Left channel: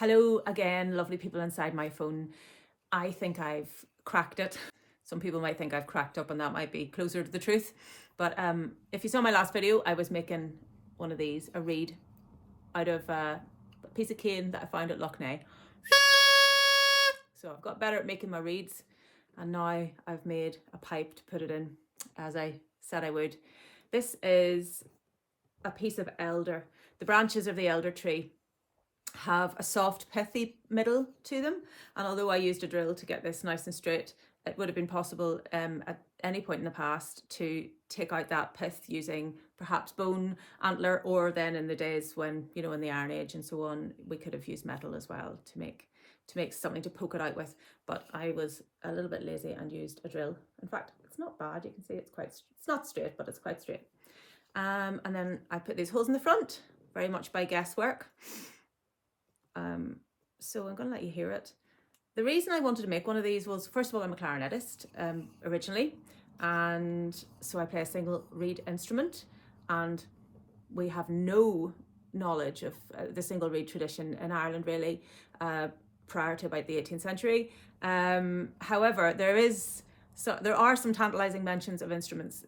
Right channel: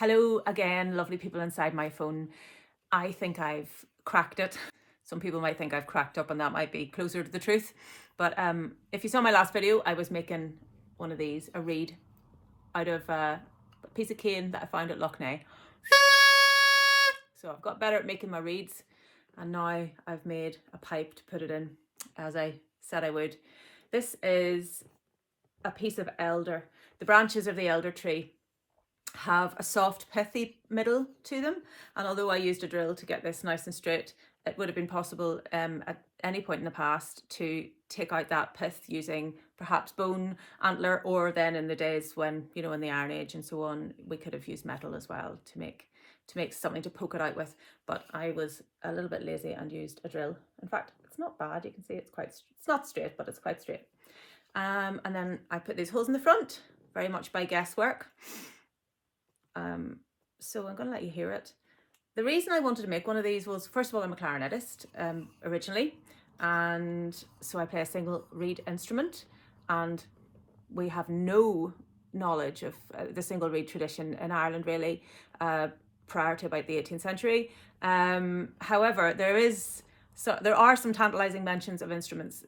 Hello again, lovely people inside my phone. I think I've cracked it. Some people might think I've cracked up and that might be closer to the truth. But if you saw my last video, I was making one of these, a reed, out of a piece of cane that I found at Lough Neagh. So I've got better at making my reeds, and now I've made a pipe to put it in, as I said I would. This is a piece of elder. The branches of the elder tree have a soft pithy middle to them, and although I used a drill to get this nice and straight, it would have been possible at any point in the past to take out that pith using perhaps bone, antler, or then in the days when, you know, in the Iron Age and so on, we could have used metal as well to make something to poke it out with. But I was a little bit lazy and used a drill. In fact, it's not bad. You can see it's not straight, but it's quite straight. And then I put these holes in the front, very much by guesswork. So I'm going to let you hear it. The reason I wanted to make one of these was, first of all, I'm a clarinetist originally, and so I play a single reed instrument, and we have no knowledge of the single reed tradition in Ireland really prior to about the 18th century. However, there are some tantalising mentions of instruments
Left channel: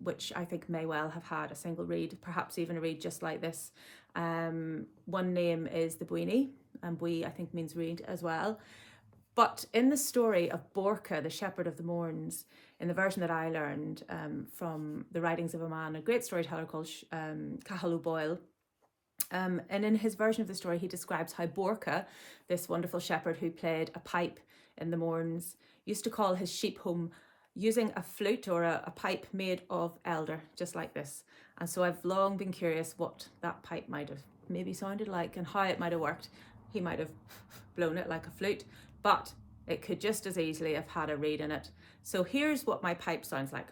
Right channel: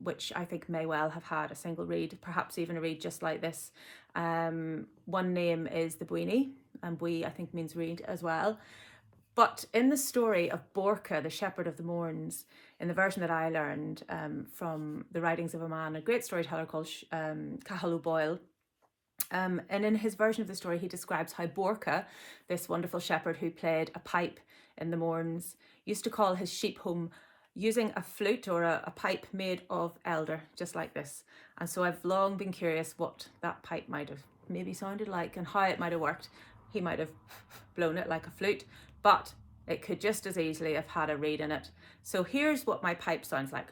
which I think may well have had a single reed, perhaps even a reed just like this. One name is the Boirche, and Bui I think means reed as well. But in the story of Boirche, the shepherd of the Mourns, in the version that I learned from the writings of a man, a great storyteller called Cathal Boyle, and in his version of the story, he describes how Boirche, this wonderful shepherd who played a pipe in the Mourns, used to call his sheep home using a flute or a pipe made of elder, just like this. And so I've long been curious what that pipe might have maybe sounded like and how it might have worked. He might have blown it like a flute, but it could just as easily have had a reed in it. So here's what my pipe sounds like.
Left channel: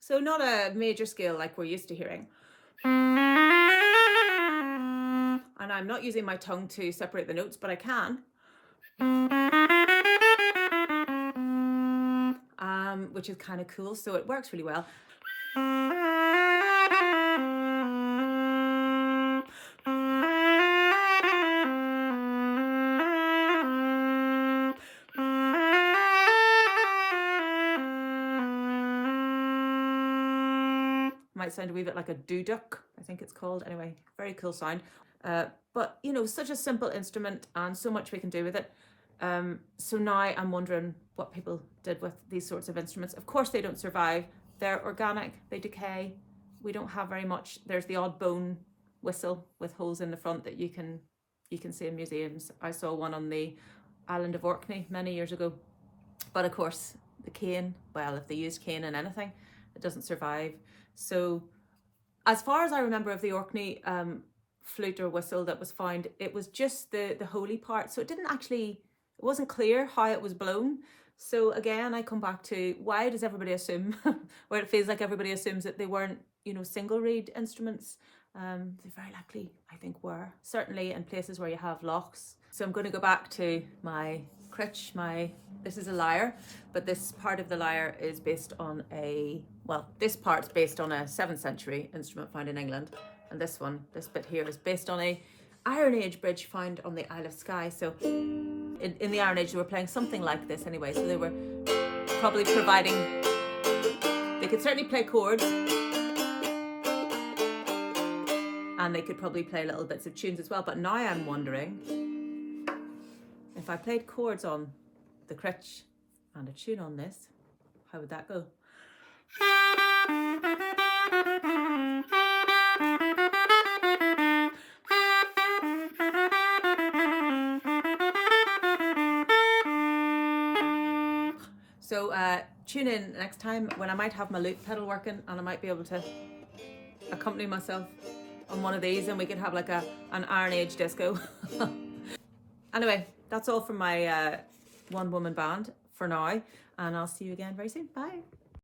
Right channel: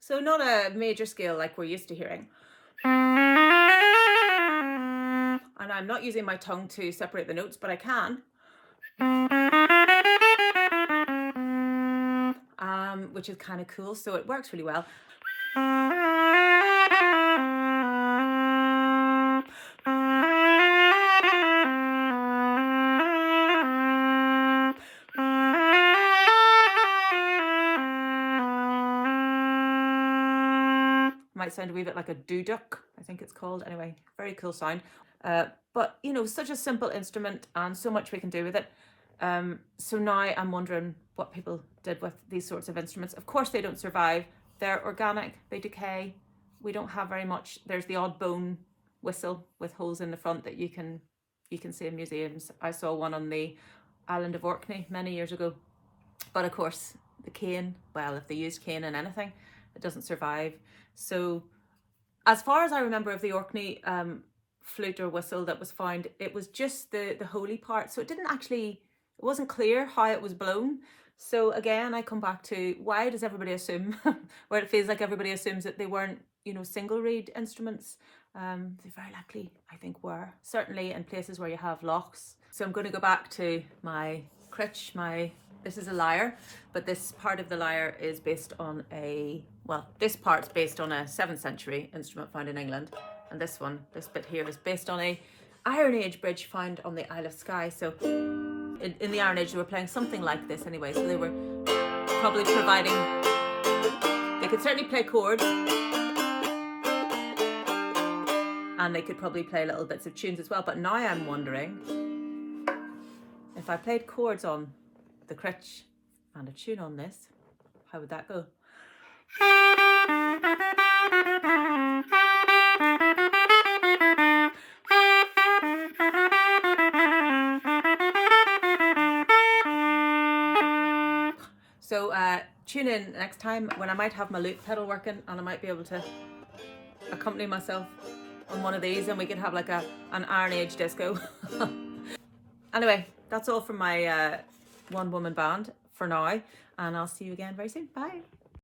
So not a major scale like we're used to hearing. And I'm not using my tongue to separate the notes, but I can. Which is kind of cool, so it works really well. Might sound a wee bit like a duduk, I think it's called. Anyway, very cool sound. But, you know, such a simple instrument and so much we can do with it. So now I'm wondering what people did with these sorts of instruments. Of course, they don't survive. They're organic, they decay. We don't have very much. There's the odd bone whistle with holes in the front that you can see in museums. I saw one on the island of Orkney many years ago. But of course, the cane, well, if they used cane in anything, it doesn't survive. So as far as I remember of the Orkney flute or whistle that was found, it was just the holy part. So it wasn't clear how it was blown. So again, I come back to, why does everybody assume, or it feels like everybody assumes that they weren't, you know, single reed instruments? They very likely, I think, were. Certainly in places where you have lochs. So I'm going to go back to my critch, this is a lyre, but this part of the lyre is based on this part's based on a 7th century instrument found in England. And this bit here is based on a Iron Age bridge found on the Isle of Skye. So in the Iron Age, they were playing something like this anyway. So they were probably they could certainly play chords, and they could probably play little bits of tunes as well. But now I'm wondering, if I played chords on the critch and a tune on this, how would that go? So tune in next time when I might have my loop pedal working and I might be able to accompany myself on one of these, and we could have like an Iron Age disco. Anyway, that's all from my one-woman band for now, and I'll see you again very soon. Bye.